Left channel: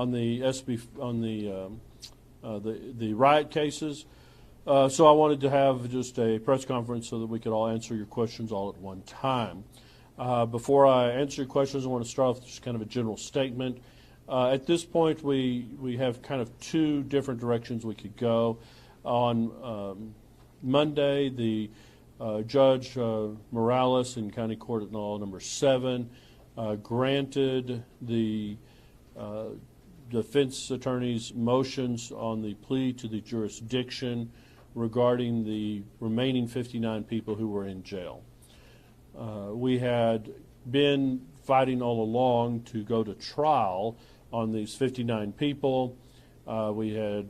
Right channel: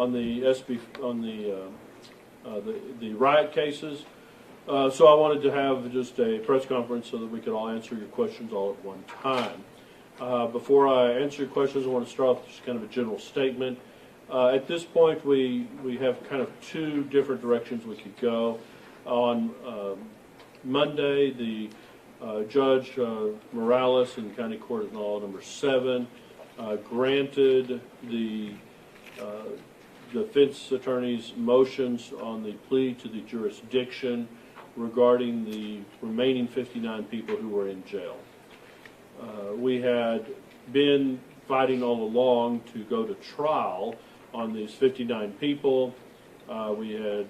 on the the riot cases. So I wanted to have just a press conference so that we could all answer your questions all at one time. Before I answer your questions, I want to start off with just kind of a general statement. At this point, we have kind of two different directions we could go. On Monday, the Judge Morales in County Court at Law Number 7 granted the defense attorney's motions on the plea to the jurisdiction regarding the remaining 59 people who were in jail. We had been fighting all along to go to trial on these 59 people. We had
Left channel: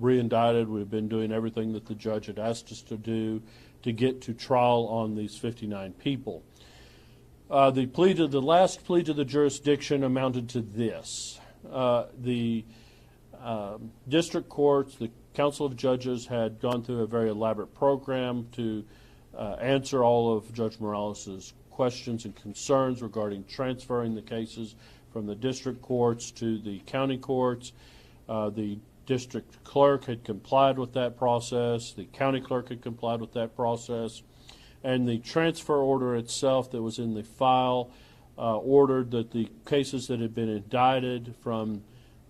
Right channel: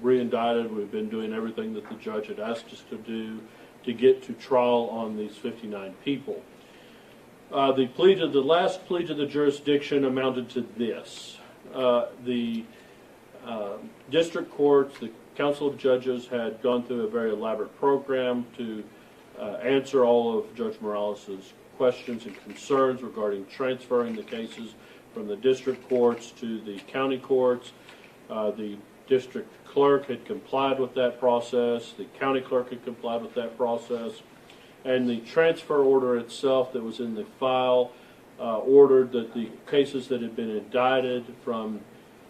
re-indicted. We've been doing everything that the judge had asked us to do to get to trial on these 59 people. The last plea to the jurisdiction amounted to this. The district courts, the Council of Judges, had gone through a very elaborate program to answer all of Judge Morales' questions and concerns regarding transferring the cases from the district courts to the county courts. The district clerk had complied with that process. The county clerk had complied with that process. And the transfer order itself that was in the file ordered that the cases that had been indicted from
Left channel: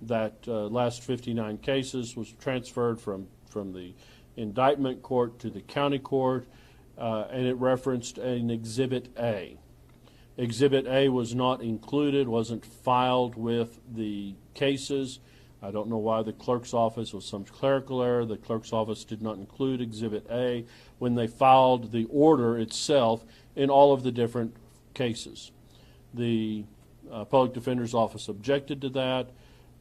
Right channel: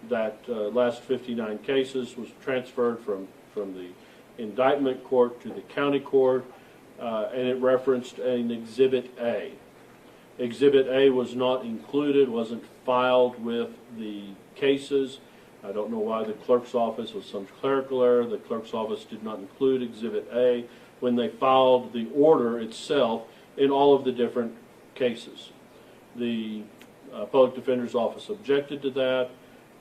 that last 59 cases was transferred from the indictment court to the county court, and it referenced an Exhibit A. Exhibit A was not included, wasn't filed with the cases. I don't know why the clerk's office was some clerical error. The clerk's office did not include Exhibit A when they filed the order itself in all of the different cases. The public defender's office objected to that.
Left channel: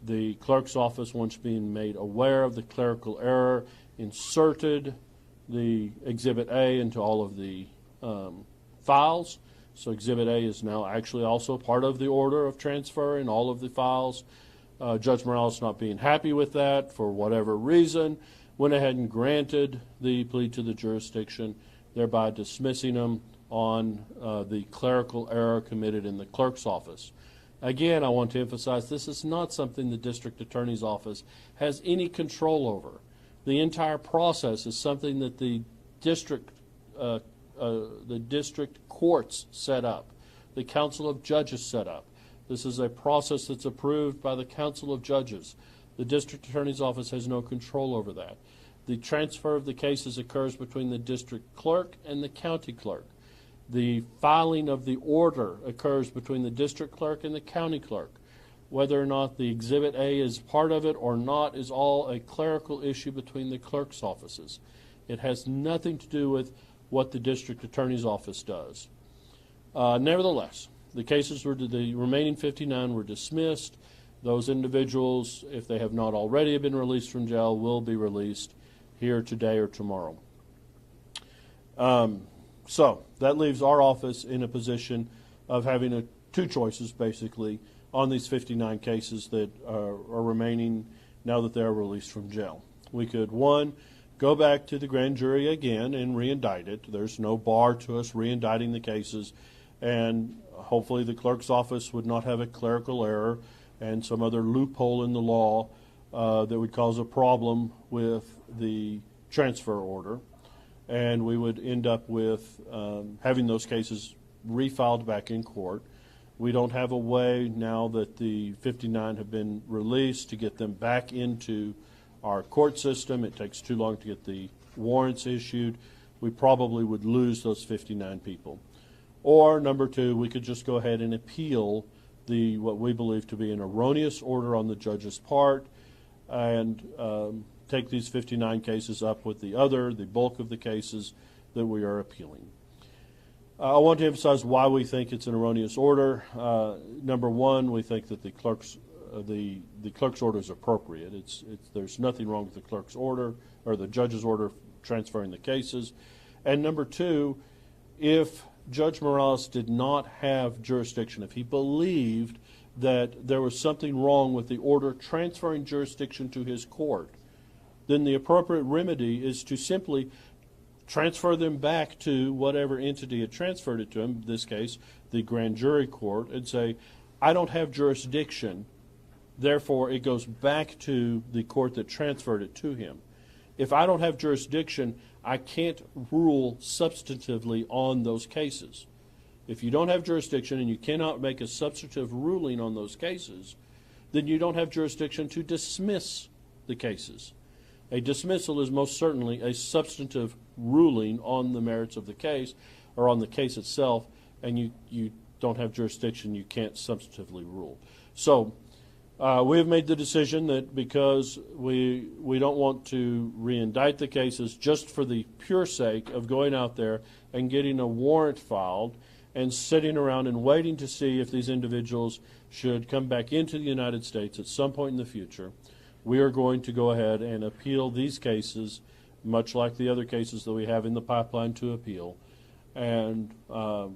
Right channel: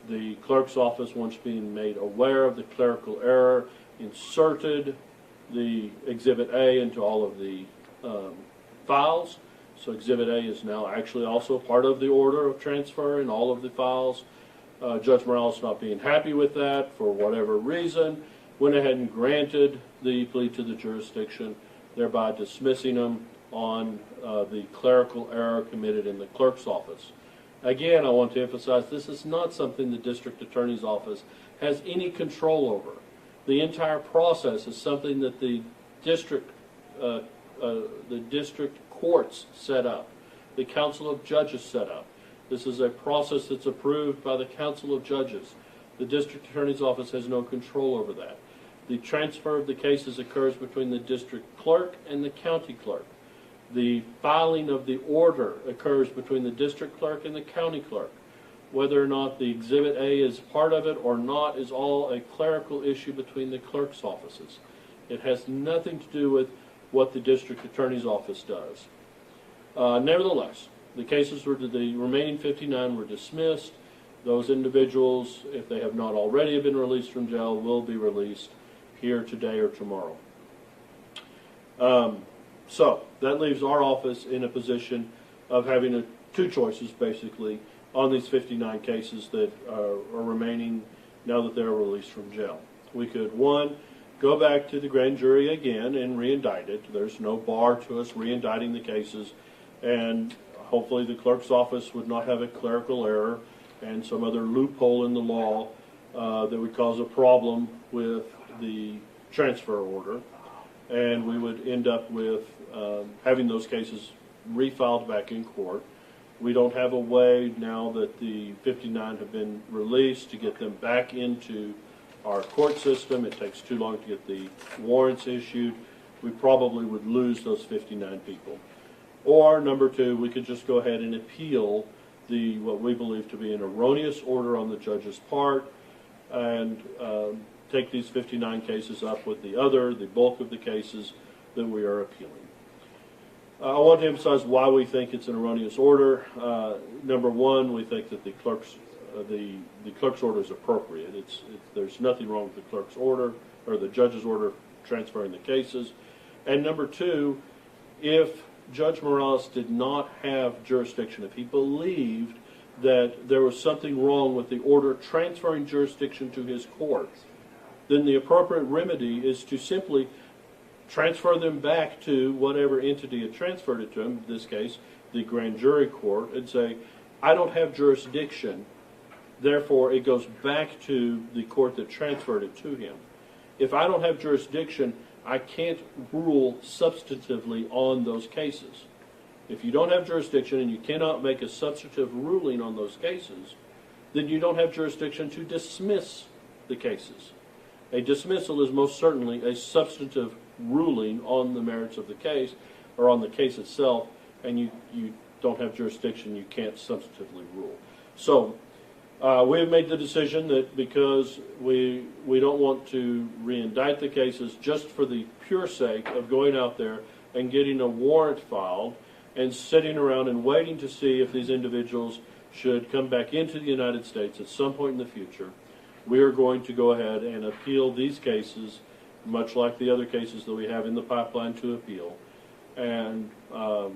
The clerk's office, once being made aware of the clerical error, inserted the Exhibit A into all of the files. So Exhibit A is now actually also part of the order of transfer in all of the files. Judge Morales, not being happy with that for whatever reason, went ahead and granted the plea to the jurisdiction, thereby dismissing them on the clerical error committed in the clerk's office. Again, I want to emphasize this is not something the district attorney's office has any control over. The entire process is something that the district courts set up, the Council of Judges set up. This is a process that's approved by the Council of Judges. The district attorney's office has no control over that. The transfer of the cases occurs between the district clerk and the county clerk. The filing of the order occurs between the district clerk and the county clerk. Whether or not the Exhibit A is part of it or not is all a clerical issue between the clerk's offices. It has nothing to do with what the district attorney's office does. Nevertheless, the remaining 59 were dismissed. Those individuals, if they have not already been released from jail, will be released here today or tomorrow. So that leaves our office in a position of having two choices, basically, on these 59 cases that are remaining now that they are released from jail. We could, one, go back to the grand jury again and re-indict it. There's no bar to us re-indicting the cases, and hopefully the clerk's office would not have a clerical error and some other loophole in the law that would cause a problem with the transfer order, and we would end up with having those cases refiled back in court. We don't have a way now that the 59 have been released to get them back into our court system. It takes too long to get the warrants issued. We probably would lose those 59 people. Or, number two, we could just go ahead and appeal what we believe to be an erroneous order on the judge's part and take these 59 cases up with the bulk of the cases that we are appealing. I want to emphasize why we think it's an erroneous order. Number one, we think that the clerk's order is appropriate. There's nothing wrong with the clerk's order or the judge's order transferring the cases. And number two, if Judge Morales did not have jurisdiction, if he believed that there was something wrong with the order transferring jurisdiction to his court, then the appropriate remedy is to simply transfer them back to whatever entity had transferred it to him, in this case, the grand jury court, and say, I don't have jurisdiction Therefore, it goes back to the court that transferred it to him. If I don't have jurisdiction, I can't rule substantively on those cases. If you don't have jurisdiction and you cannot make a substantive ruling on those cases, then you don't have jurisdiction to dismiss the cases. A dismissal is most certainly a substantive ruling on the merits of the case or on the case itself, and you don't have jurisdiction, you can't substantively rule. So we have made the decision that because we don't want to re-indict the cases just for the pure sake of going out there and getting a warrant filed and sitting around and waiting to see if these individuals should come back into the United States at some point in the future, we are going to go ahead and appeal these cases, much like the other cases that we have in the pipeline to appeal. And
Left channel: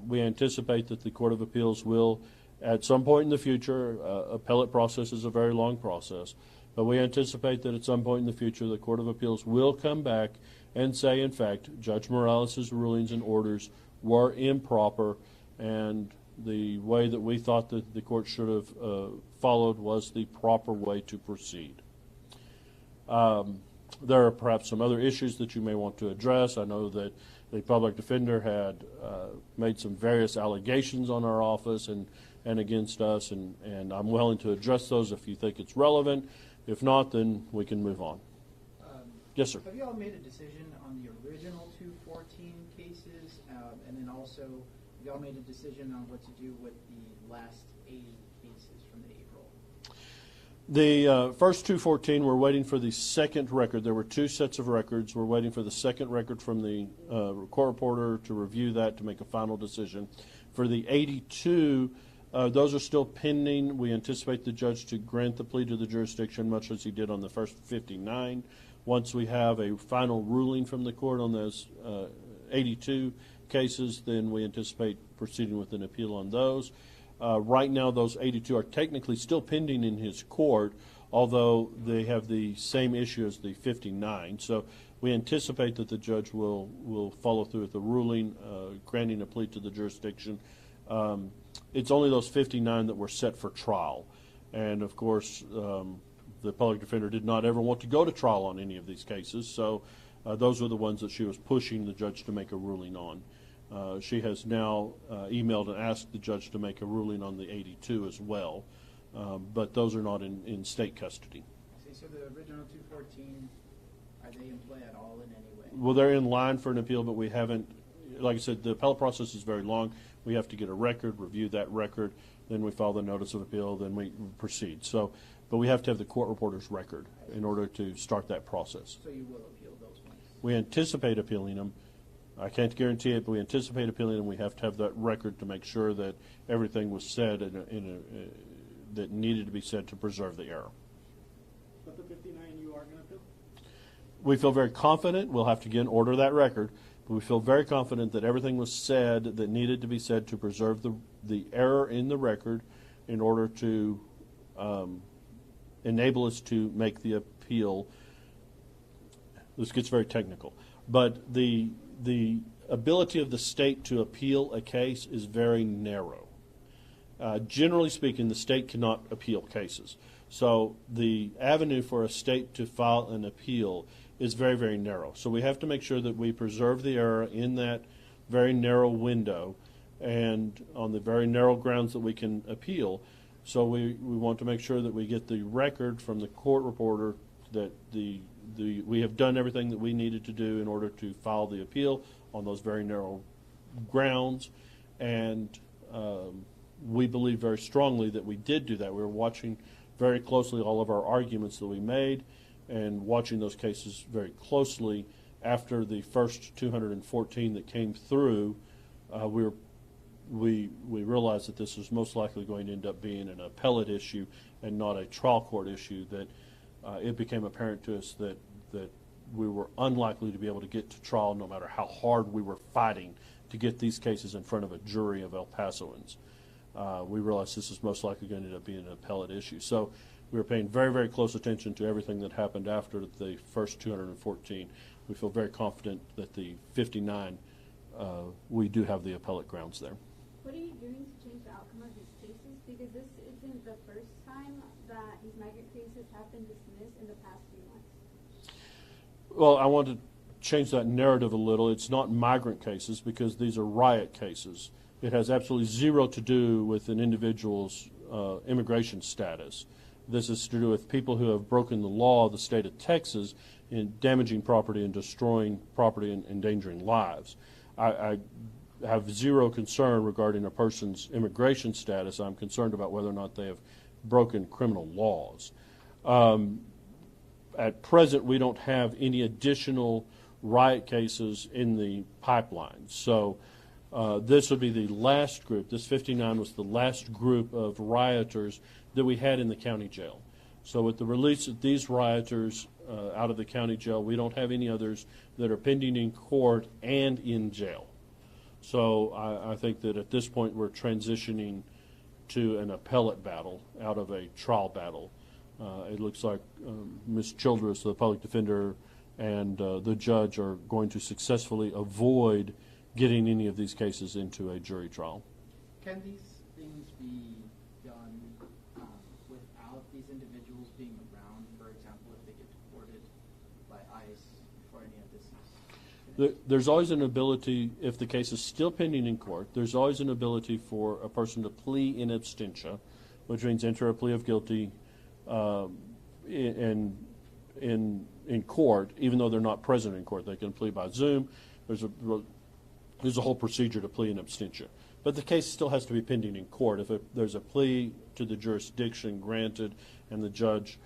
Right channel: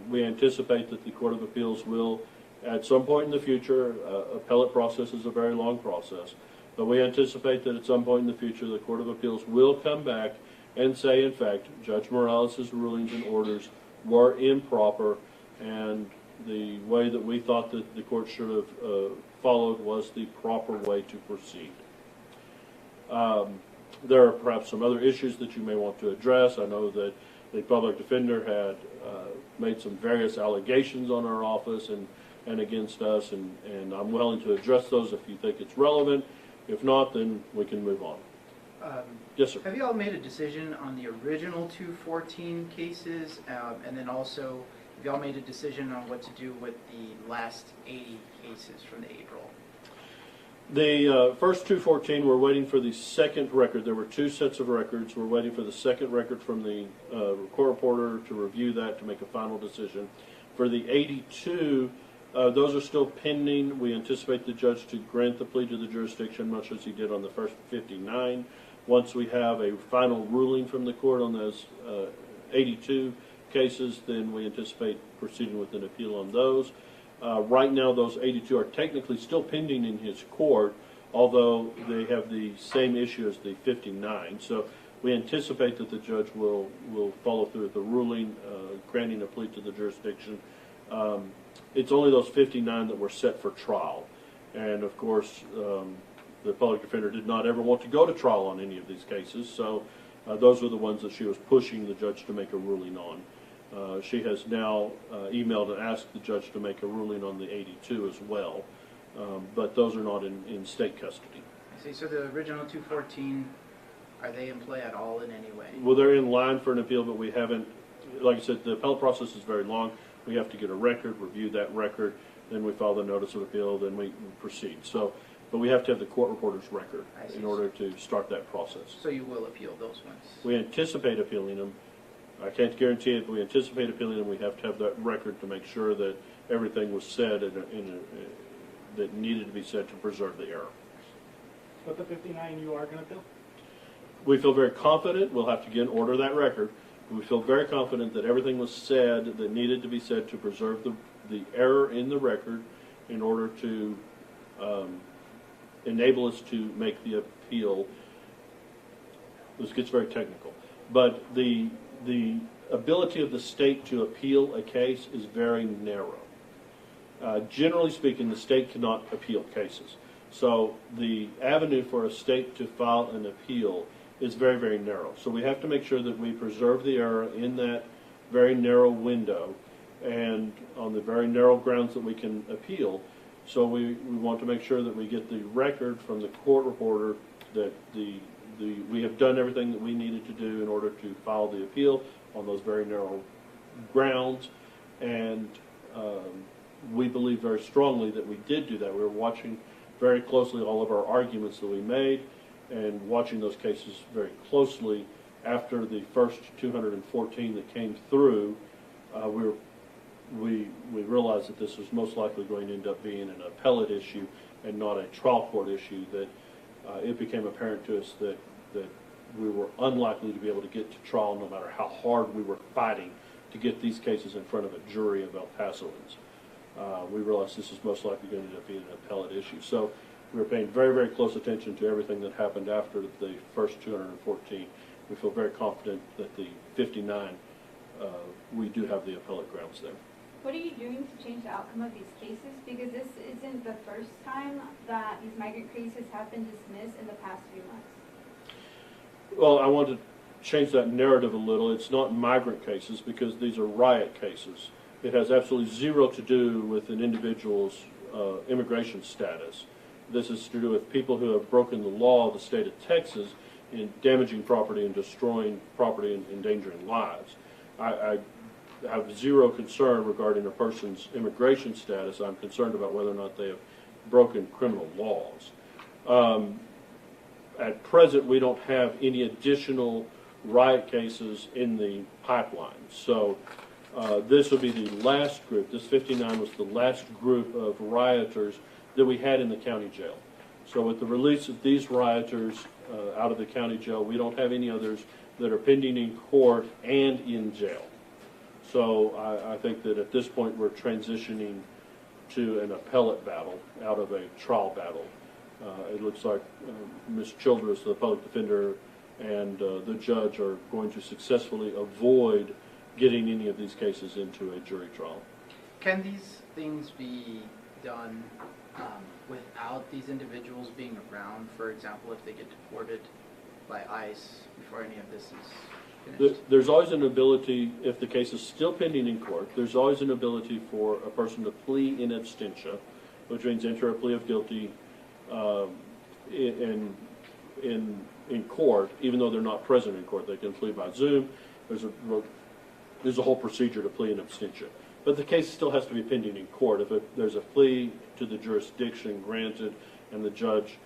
we anticipate that the Court of Appeals will, at some point in the future, appellate process is a very long process, but we anticipate that at some point in the future the Court of Appeals will come back and say, in fact, Judge Morales' rulings and orders were improper, and the way that we thought that the court should have followed was the proper way to proceed. There are perhaps some other issues that you may want to address. I know that the public defender had made some various allegations on our office and against us, and I'm willing to address those if you think it's relevant. If not, then we can move on. Yes, sir. Have you all made a decision on the original 214 cases, and then also have you all made a decision on what to do with the last 80 cases from the April? The first 214, we're waiting for the second record. There were two sets of records. We're waiting for the second record from the court reporter to review that to make a final decision. For the 82, those are still pending. We anticipate the judge to grant the plea to the jurisdiction, much as he did on the first 59. Once we have a final ruling from the court on those 82 cases, then we anticipate proceeding with an appeal on those. Right now, those 82 are technically still pending in his court, although they have the same issue as the 59. So we anticipate that the judge will follow through with the ruling, granting a plea to the jurisdiction. It's only those 59 that were set for trial. And, of course, the public defender did not ever want to go to trial on any of these cases, so those are the ones that she was pushing the judge to make a ruling on. She has now emailed and asked the judge to make a ruling on the 82 as well, but those are not in state custody. I see. So the original 214, are they in play at all in any way? Well, they're in line for an appeal, but we haven't, like I said, the appellate process is very long. We have to get a record, review that record, then we file the notice of appeal, then we proceed. So, but we have to have the court reporter's record in order to start that process. So you will appeal those ones? We anticipate appealing them. I can't guarantee it, but we anticipate appealing them. We have to have that record to make sure that everything was said that needed to be said to preserve the error. But the 59 you are going to appeal? We feel very confident. We'll have to again order that record. We feel very confident that everything was said that needed to be said to preserve the error in the record in order to enable us to make the appeal. This gets very technical, but the ability of the state to appeal a case is very narrow. Generally speaking, the state cannot appeal cases. So the avenue for a state to file an appeal is very, very narrow. So we have to make sure that we preserve the error in that very narrow window and on the very narrow grounds that we can appeal. So we want to make sure that we get the record from the court reporter that we have done everything that we needed to do in order to file the appeal on those very narrow grounds. And we believe very strongly that we did do that. We were watching very closely all of our arguments that we made and watching those cases very closely. After the first 214 that came through, we realized that this was most likely going to end up being an appellate issue and not a trial court issue, that it became apparent to us that we were unlikely to be able to get to trial no matter how hard we were fighting to get these cases in front of a jury of El Pasoans. We realized this is most likely going to end up being an appellate issue. So we were paying very, very close attention to everything that happened after the first 214. We feel very confident that the 59, we do have the appellate grounds there. What are you doing to change the outcome of these cases? Because this isn't the first time that these migrant cases have been dismissed in the past few months. Well, I want to change that narrative a little. It's not migrant cases because these are riot cases. It has absolutely zero to do with an individual's immigration status. This is to do with people who have broken the law of the state of Texas in damaging property and destroying property and endangering lives. I have zero concern regarding a person's immigration status. I'm concerned about whether or not they have broken criminal laws. At present, we don't have any additional riot cases in the pipeline. So this will be the last group. This 59 was the last group of rioters that we had in the county jail. So with the release of these rioters out of the county jail, we don't have any others that are pending in court and in jail. So I think that at this point we're transitioning to an appellate battle out of a trial battle. It looks like Ms. Childress, the public defender, and the judge are going to successfully avoid getting any of these cases into a jury trial. Can these things be done without these individuals being around? For example, if they get deported by ICE before any of this is finished? There's always an ability, if the case is still pending in court, there's always an ability for a person to plea in absentia, which means enter a plea of guilty in court, even though they're not present in court. They can plea by Zoom. There's a whole procedure to plea in absentia. But the case still has to be pending in court. If there's a plea to the jurisdiction granted and the judge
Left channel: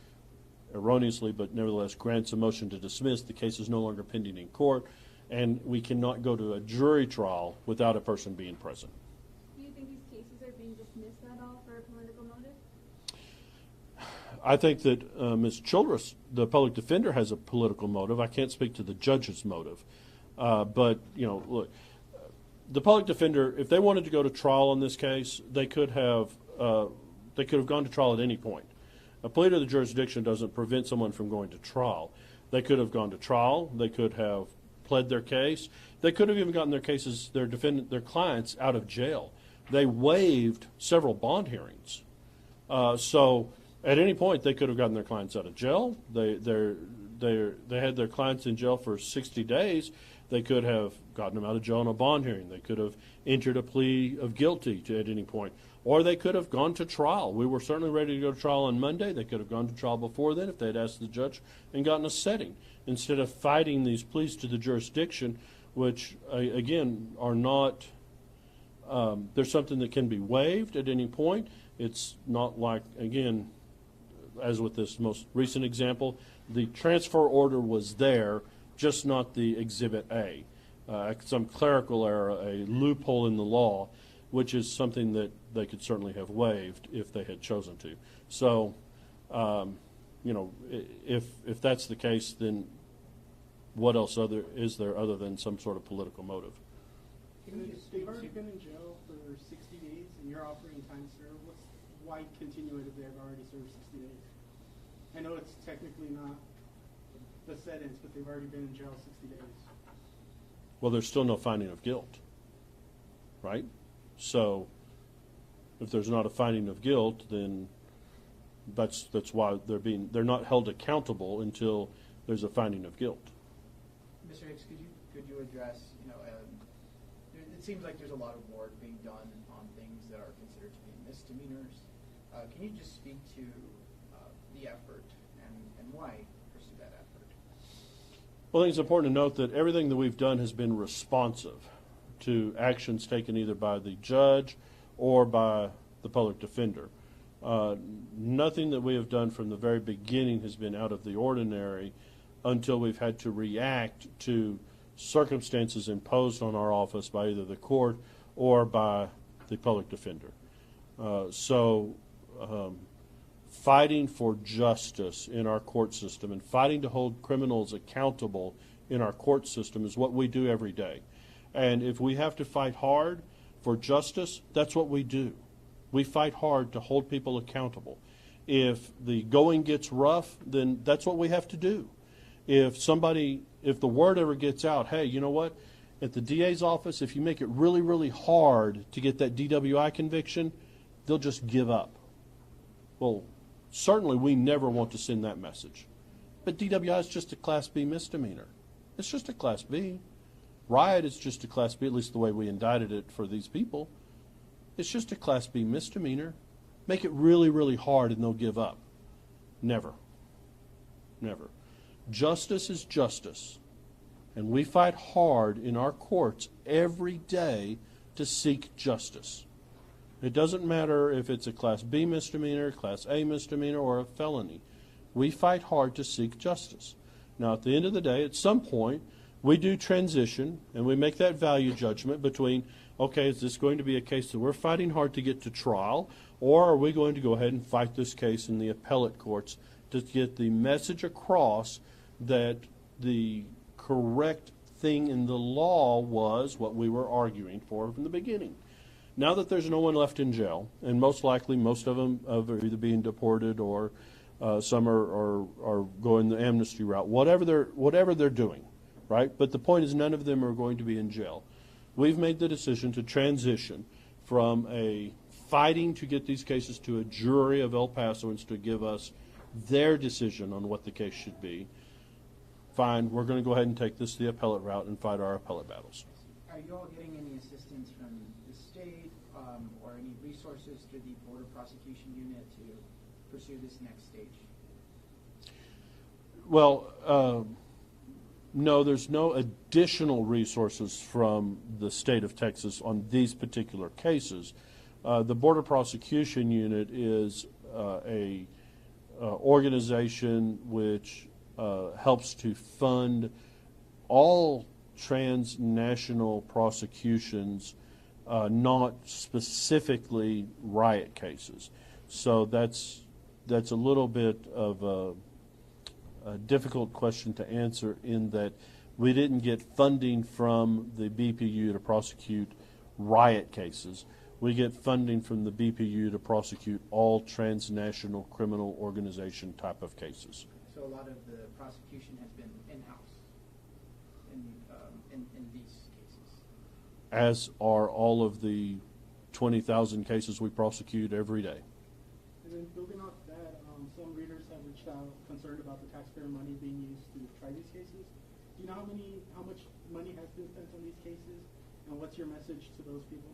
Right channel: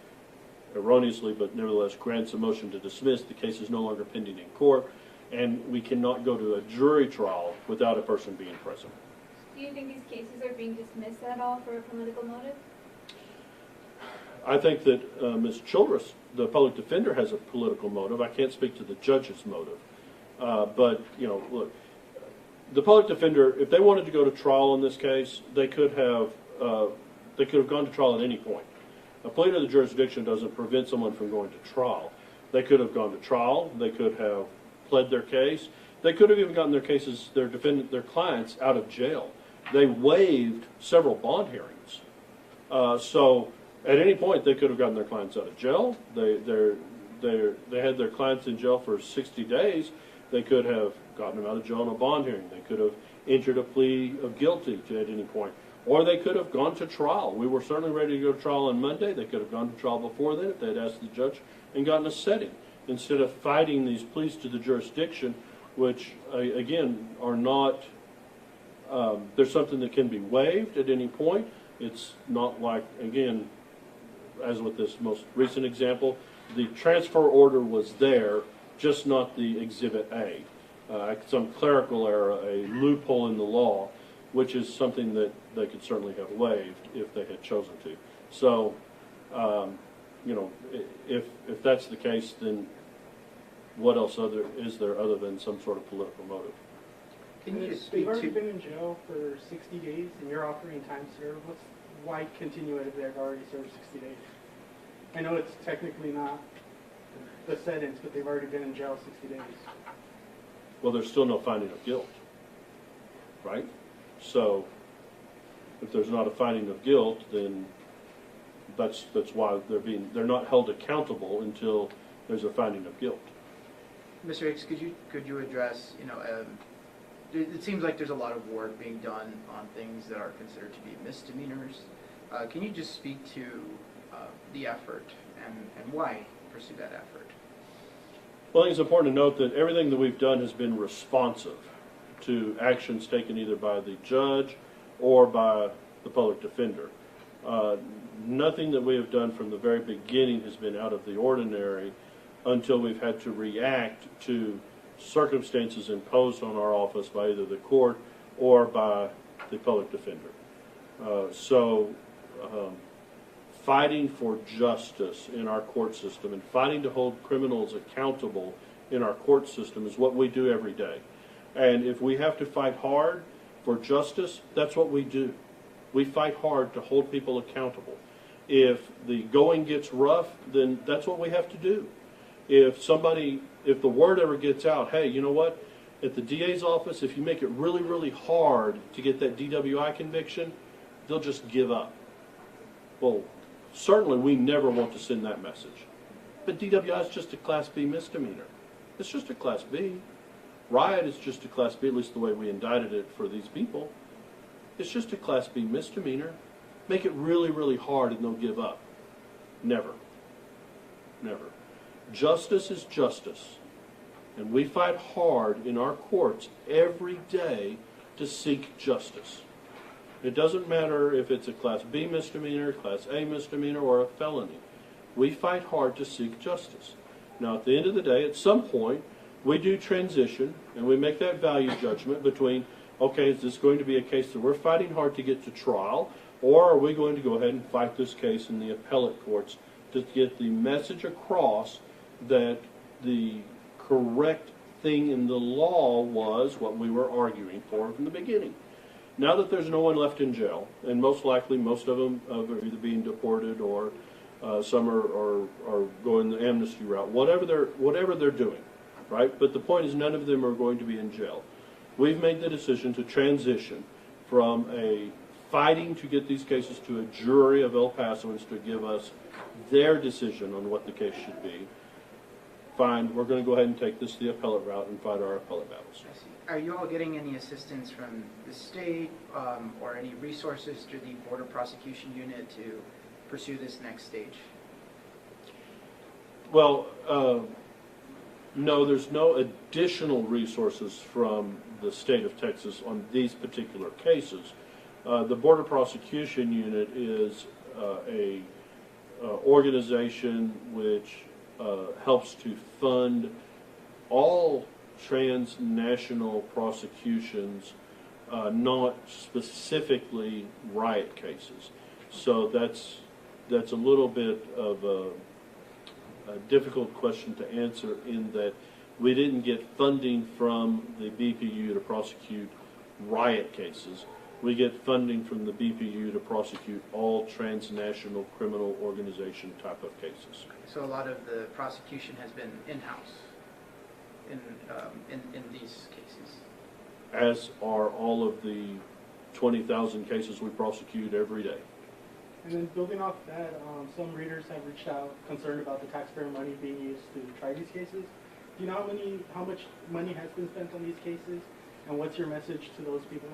erroneously but nevertheless grants a motion to dismiss, the case is no longer pending in court, and we cannot go to a jury trial without a person being present. Do you think these cases are being dismissed at all for a political motive? I think that Ms. Childress, the public defender, has a political motive. I can't speak to the judge's motive. But, look, the public defender, if they wanted to go to trial in this case, they could have gone to trial at any point. A plea to the jurisdiction doesn't prevent someone from going to trial. They could have gone to trial. They could have pled their case. They could have even gotten their clients out of jail. They waived several bond hearings. So at any point, they could have gotten their clients out of jail. They had their clients in jail for 60 days. They could have gotten them out of jail on a bond hearing. They could have entered a plea of guilty at any point. Or they could have gone to trial. We were certainly ready to go to trial on Monday. They could have gone to trial before then if they had asked the judge and gotten a setting. Instead of fighting these pleas to the jurisdiction, which, again, are not, there's something that can be waived at any point. It's not like, again, as with this most recent example, the transfer order was there, just not the Exhibit A. Some clerical error, a loophole in the law, which is something that they could certainly have waived if they had chosen to. So, if that's the case, then what else is there other than some sort of political motive? Can you just They've speak already to... been in jail for 60 days, and you're offering time served. Why continue it if they've already served 60 days? I know it's technically not the sentence, but they've already been in jail 60 days. Well, there's still no finding of guilt, right? So, if there's not a finding of guilt, then that's why they're not held accountable until there's a finding of guilt. Mr. Hicks, could you address, it seems like there's a lot of work being done on things that are considered to be misdemeanors. Can you just speak to the effort and why pursue that effort? Well, I think it's important to note that everything that we've done has been responsive to actions taken either by the judge or by the public defender. Nothing that we have done from the very beginning has been out of the ordinary until we've had to react to circumstances imposed on our office by either the court or by the public defender. Fighting for justice in our court system and fighting to hold criminals accountable in our court system is what we do every day. And if we have to fight hard for justice, that's what we do. We fight hard to hold people accountable. If the going gets rough, then that's what we have to do. If the word ever gets out, hey, you know what? At the DA's office, if you make it really, really hard to get that DWI conviction, they'll just give up. Well, certainly we never want to send that message. But DWI is just a Class B misdemeanor. It's just a Class B. Riot is just a Class B, at least the way we indicted it for these people. It's just a Class B misdemeanor. Make it really, really hard and they'll give up. Never. Never. Justice is justice. And we fight hard in our courts every day to seek justice. It doesn't matter if it's a Class B misdemeanor, Class A misdemeanor, or a felony. We fight hard to seek justice. Now, at the end of the day, at some point, we do transition and we make that value judgment between, okay, is this going to be a case that we're fighting hard to get to trial, or are we going to go ahead and fight this case in the appellate courts to get the message across that the correct thing in the law was what we were arguing for from the beginning. Now that there's no one left in jail, and most likely most of them are either being deported or some are going the amnesty route, whatever they're doing, right? But the point is none of them are going to be in jail. We've made the decision to transition from a fighting to get these cases to a jury of El Pasoans to give us their decision on what the case should be. Fine, we're going to go ahead and take this the appellate route and fight our appellate battles. I see. Are you all getting any assistance from the state or any resources through the Border Prosecution Unit to pursue this next stage? Well, no, there's no additional resources from the state of Texas on these particular cases. The Border Prosecution Unit is a organization which helps to fund all transnational prosecutions, not specifically riot cases. So that's a little bit of a difficult question to answer in that we didn't get funding from the BPU to prosecute riot cases. We get funding from the BPU to prosecute all transnational criminal organization type of cases. So a lot of the prosecution has been in-house in these cases. As are all of the 20,000 cases we prosecute every day. And then building off that, some readers have reached out concerned about the taxpayer money being used to try these cases. Do you know how much money has been spent on these cases, and what's your message to those people?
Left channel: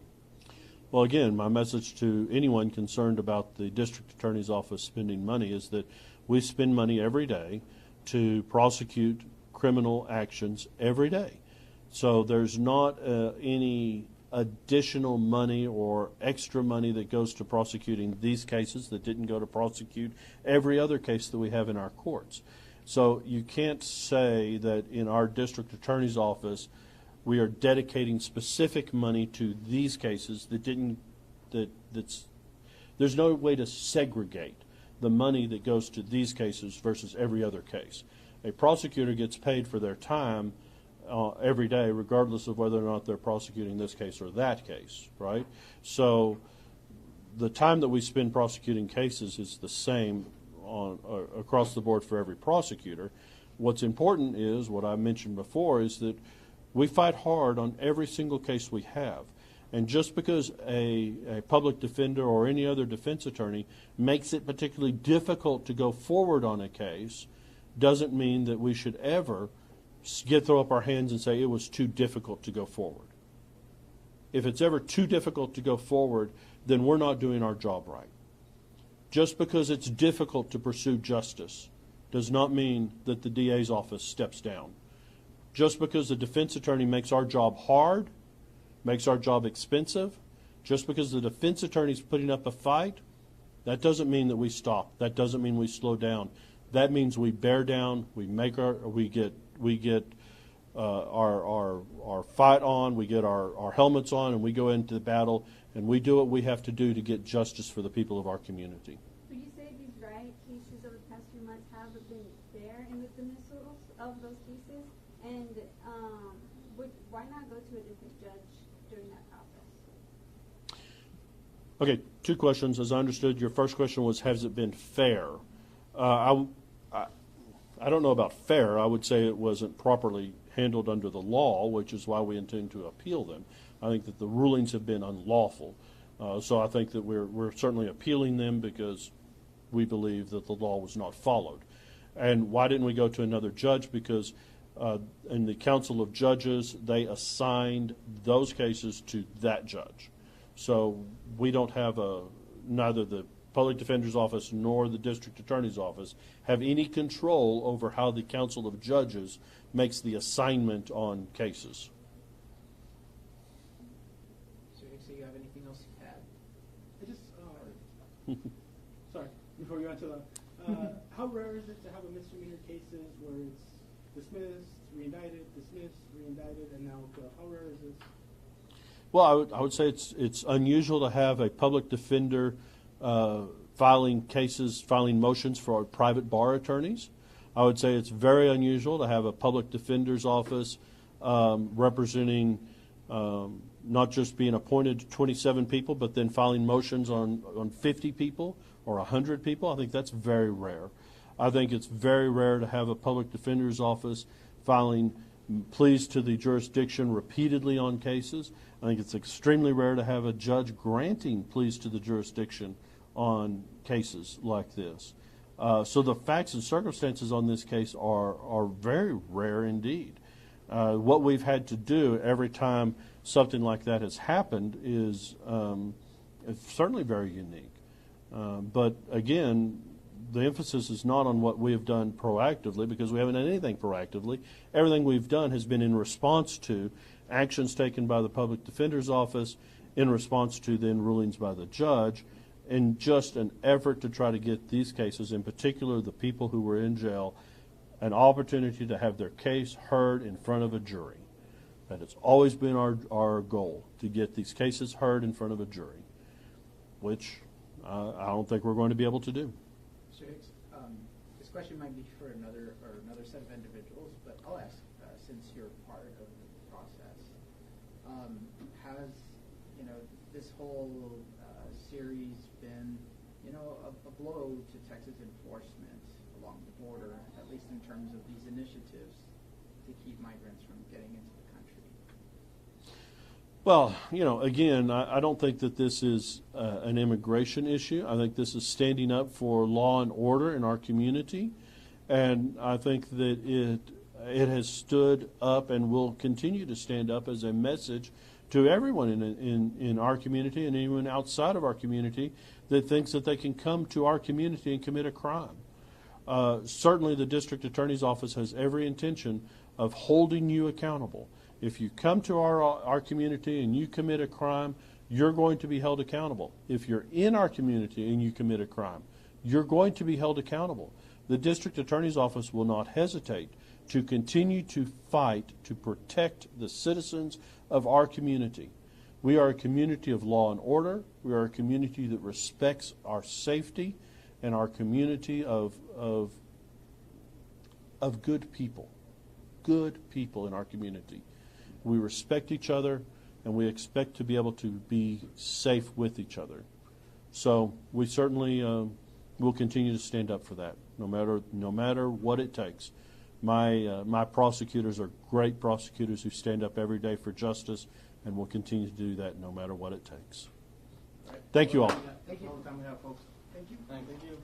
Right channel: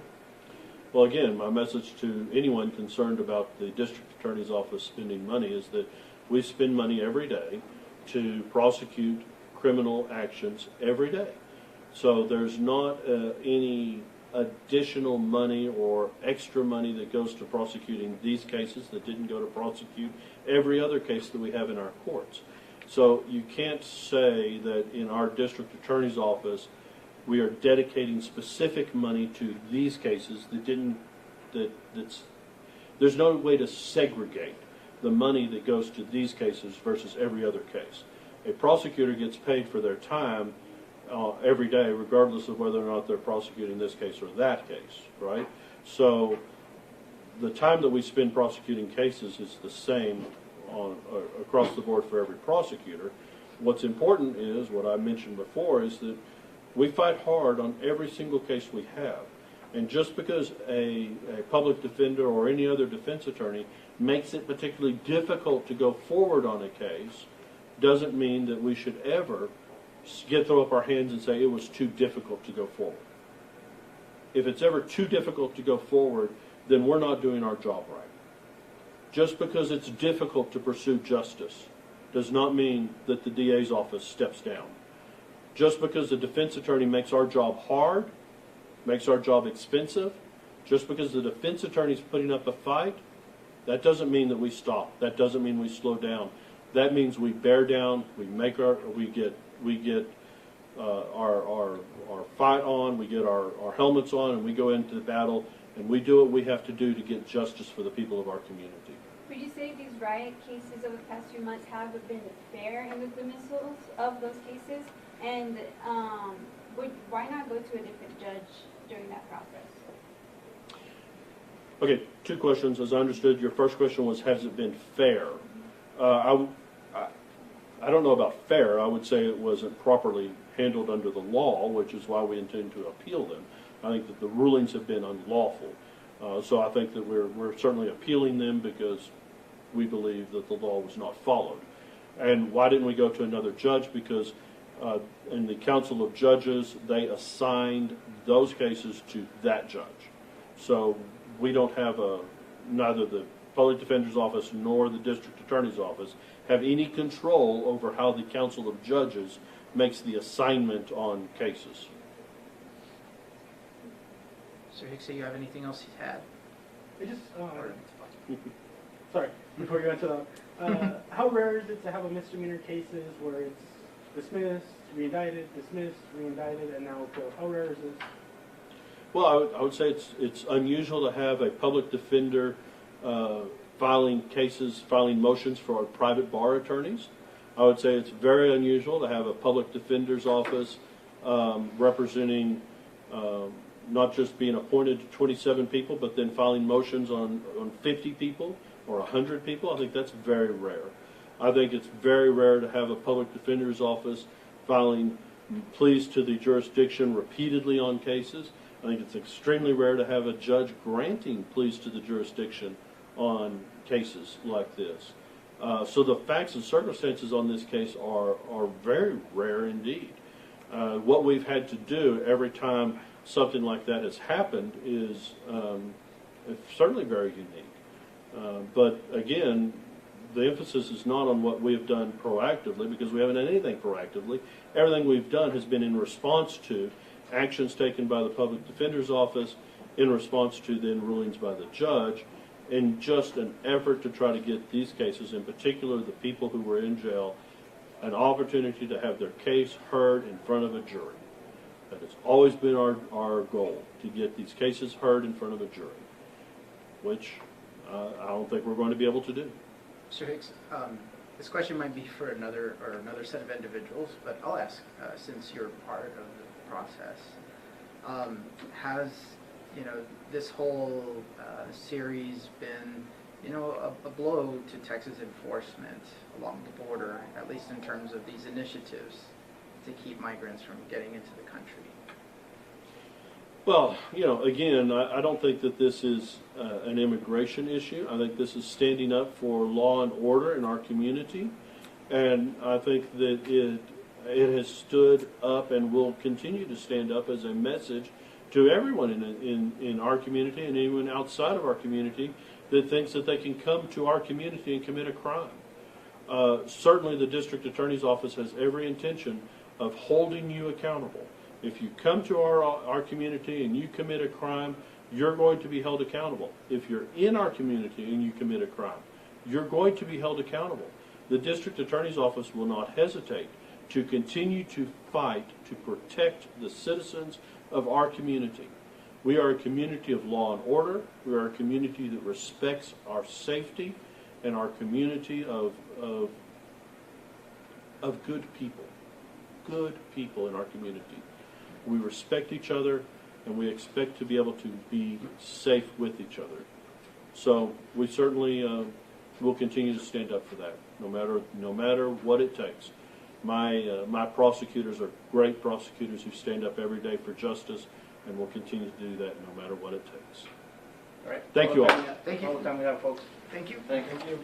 Well, again, my message to anyone concerned about the district attorney's office spending money is that we spend money every day to prosecute criminal actions every day. So there's not any additional money or extra money that goes to prosecuting these cases that didn't go to prosecute every other case that we have in our courts. So you can't say that in our district attorney's office we are dedicating specific money to these cases there's no way to segregate the money that goes to these cases versus every other case. A prosecutor gets paid for their time every day, regardless of whether or not they're prosecuting this case or that case, right? So the time that we spend prosecuting cases is the same across the board for every prosecutor. What's important is, what I mentioned before, is that we fight hard on every single case we have. And just because a public defender or any other defense attorney makes it particularly difficult to go forward on a case doesn't mean that we should ever throw up our hands and say it was too difficult to go forward. If it's ever too difficult to go forward, then we're not doing our job right. Just because it's difficult to pursue justice does not mean that the DA's office steps down. Just because the defense attorney makes our job hard, makes our job expensive, just because the defense attorney's putting up a fight, that doesn't mean that we stop. That doesn't mean we slow down. That means we bear down, we get our fight on, we get our helmets on, and we go into the battle, and we do what we have to do to get justice for the people of our community. Would you say these riot cases over the past few months have been fair in the dismissals of those cases? And why not go to a different judge during that process? Okay, two questions. As I understood, your first question was, has it been fair? I don't know about fair. I would say it wasn't properly handled under the law, which is why we intend to appeal them. I think that the rulings have been unlawful. So I think that we're certainly appealing them because we believe that the law was not followed. And why didn't we go to another judge? Because in the Council of Judges, they assigned those cases to that judge. So we don't have neither the Public Defender's Office nor the District Attorney's Office have any control over how the Council of Judges makes the assignment on cases. Mr. Hicks, do you have anything else you had? I just, sorry, before you go into that, how rare is it to have a misdemeanor cases where it's dismissed, reindicted, dismissed, reindicted, and now appeal? How rare is this? Well, I would say it's unusual to have a public defender filing motions for our private bar attorneys. I would say it's very unusual to have a public defender's office representing not just being appointed to 27 people, but then filing motions on 50 people or 100 people. I think that's very rare. I think it's very rare to have a public defender's office filing pleas to the jurisdiction repeatedly on cases. I think it's extremely rare to have a judge granting pleas to the jurisdiction on cases like this. So the facts and circumstances on this case are very rare indeed. What we've had to do every time something like that has happened is certainly very unique. But again, the emphasis is not on what we've done proactively, because we haven't done anything proactively. Everything we've done has been in response to actions taken by the Public Defender's Office, in response to then rulings by the judge, in just an effort to try to get these cases, in particular the people who were in jail, an opportunity to have their case heard in front of a jury. That has always been our goal, to get these cases heard in front of a jury, which I don't think we're going to be able to do. Mr. Hicks, this question might be for another set of individuals, but I'll ask since you're part of the process. Has this whole series been a blow to Texas enforcement along the border, at least in terms of these initiatives to keep migrants from getting into the country? Well, again, I don't think that this is an immigration issue. I think this is standing up for law and order in our community, and I think that it has stood up and will continue to stand up as a message to everyone in our community and anyone outside of our community that thinks that they can come to our community and commit a crime. Certainly the District Attorney's Office has every intention of holding you accountable. If you come to our community and you commit a crime, you're going to be held accountable. If you're in our community and you commit a crime, you're going to be held accountable. The District Attorney's Office will not hesitate to continue to fight to protect the citizens of our community. We are a community of law and order. We are a community that respects our safety, and our community of good people. Good people in our community. We respect each other, and we expect to be able to be safe with each other. So we certainly will continue to stand up for that, no matter what it takes. My prosecutors are great prosecutors who stand up every day for justice, and will continue to do that no matter what it takes. All right. Thank you all. Thank you. All the time we have, folks. Thank you. Thank you.